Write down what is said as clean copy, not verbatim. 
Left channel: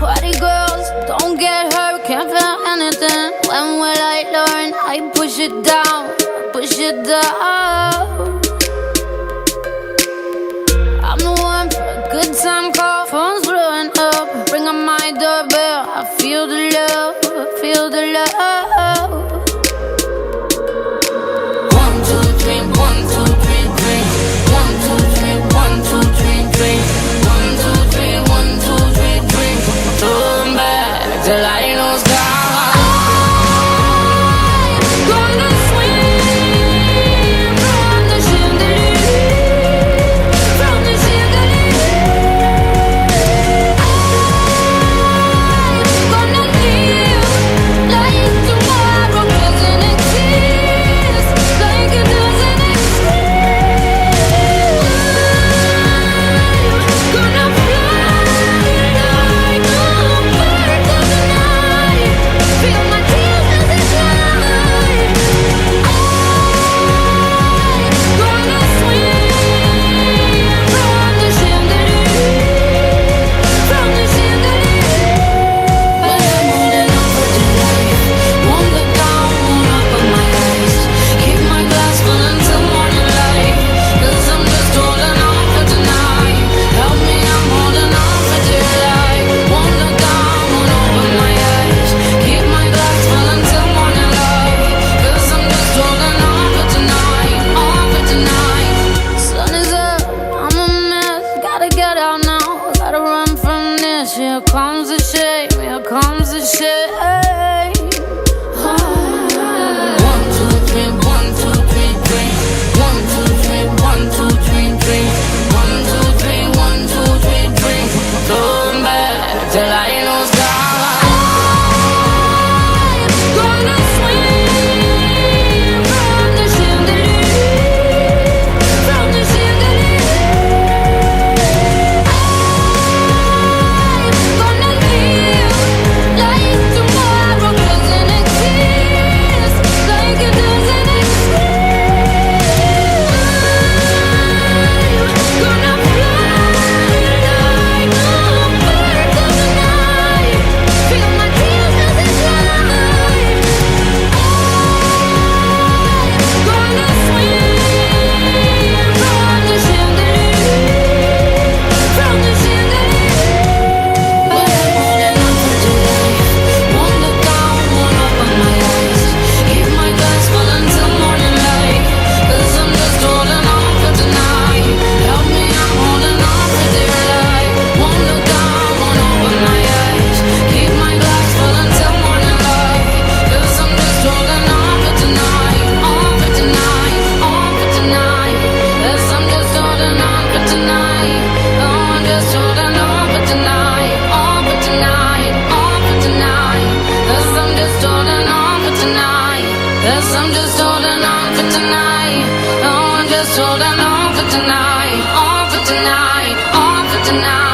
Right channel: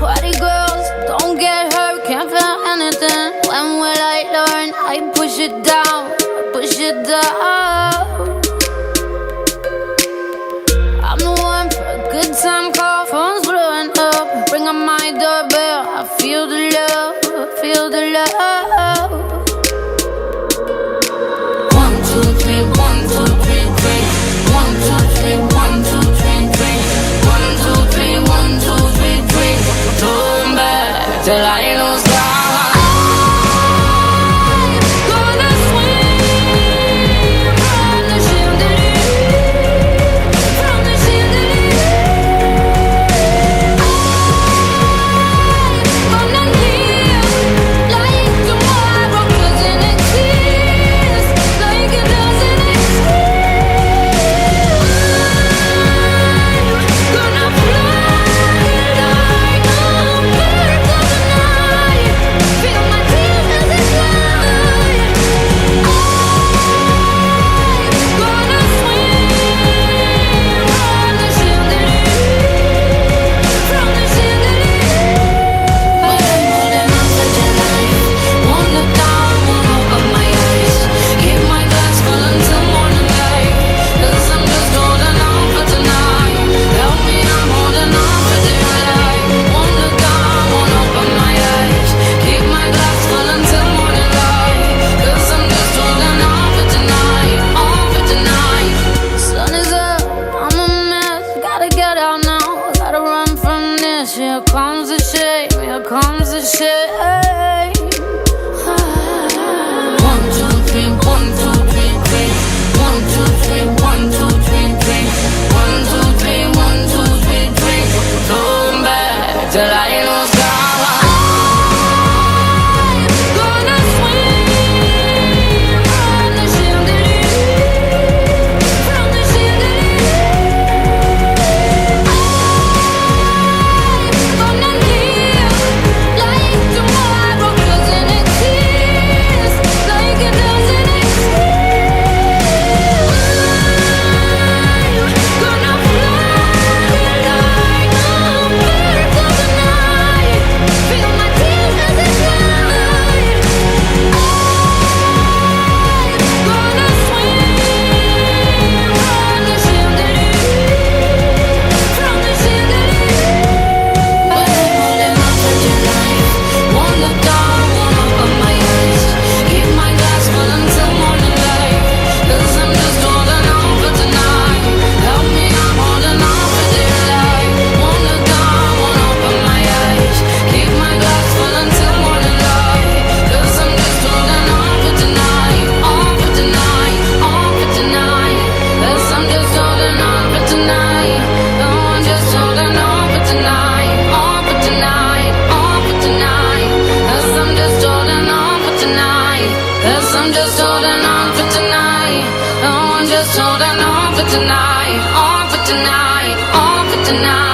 Party girls, don't get hurt, can't feel anything. When will I learn? I push it down, push it down. I'm the one for a good time call, phone's blowing up. Ring on my doorbell, I feel the love, feel the love. 1, 2, 3, 1, 2, 3, drink. 1, 2, 3, 1, 2, 3, drink. 1, 2, 3, 1, 2, 3, drink. Turn back till I lose God. Here comes the shame, here comes the shame. 1, 2, 3, 1, 2, 3, drink. 1, 2, 3, 1, 2, 3, drink. 1, 2, 3, 1, 2, 3, drink. Turn back till I lose God. Cause I'm just holding on for tonight. Oh, I'm just holding on for tonight. On for tonight. On for tonight.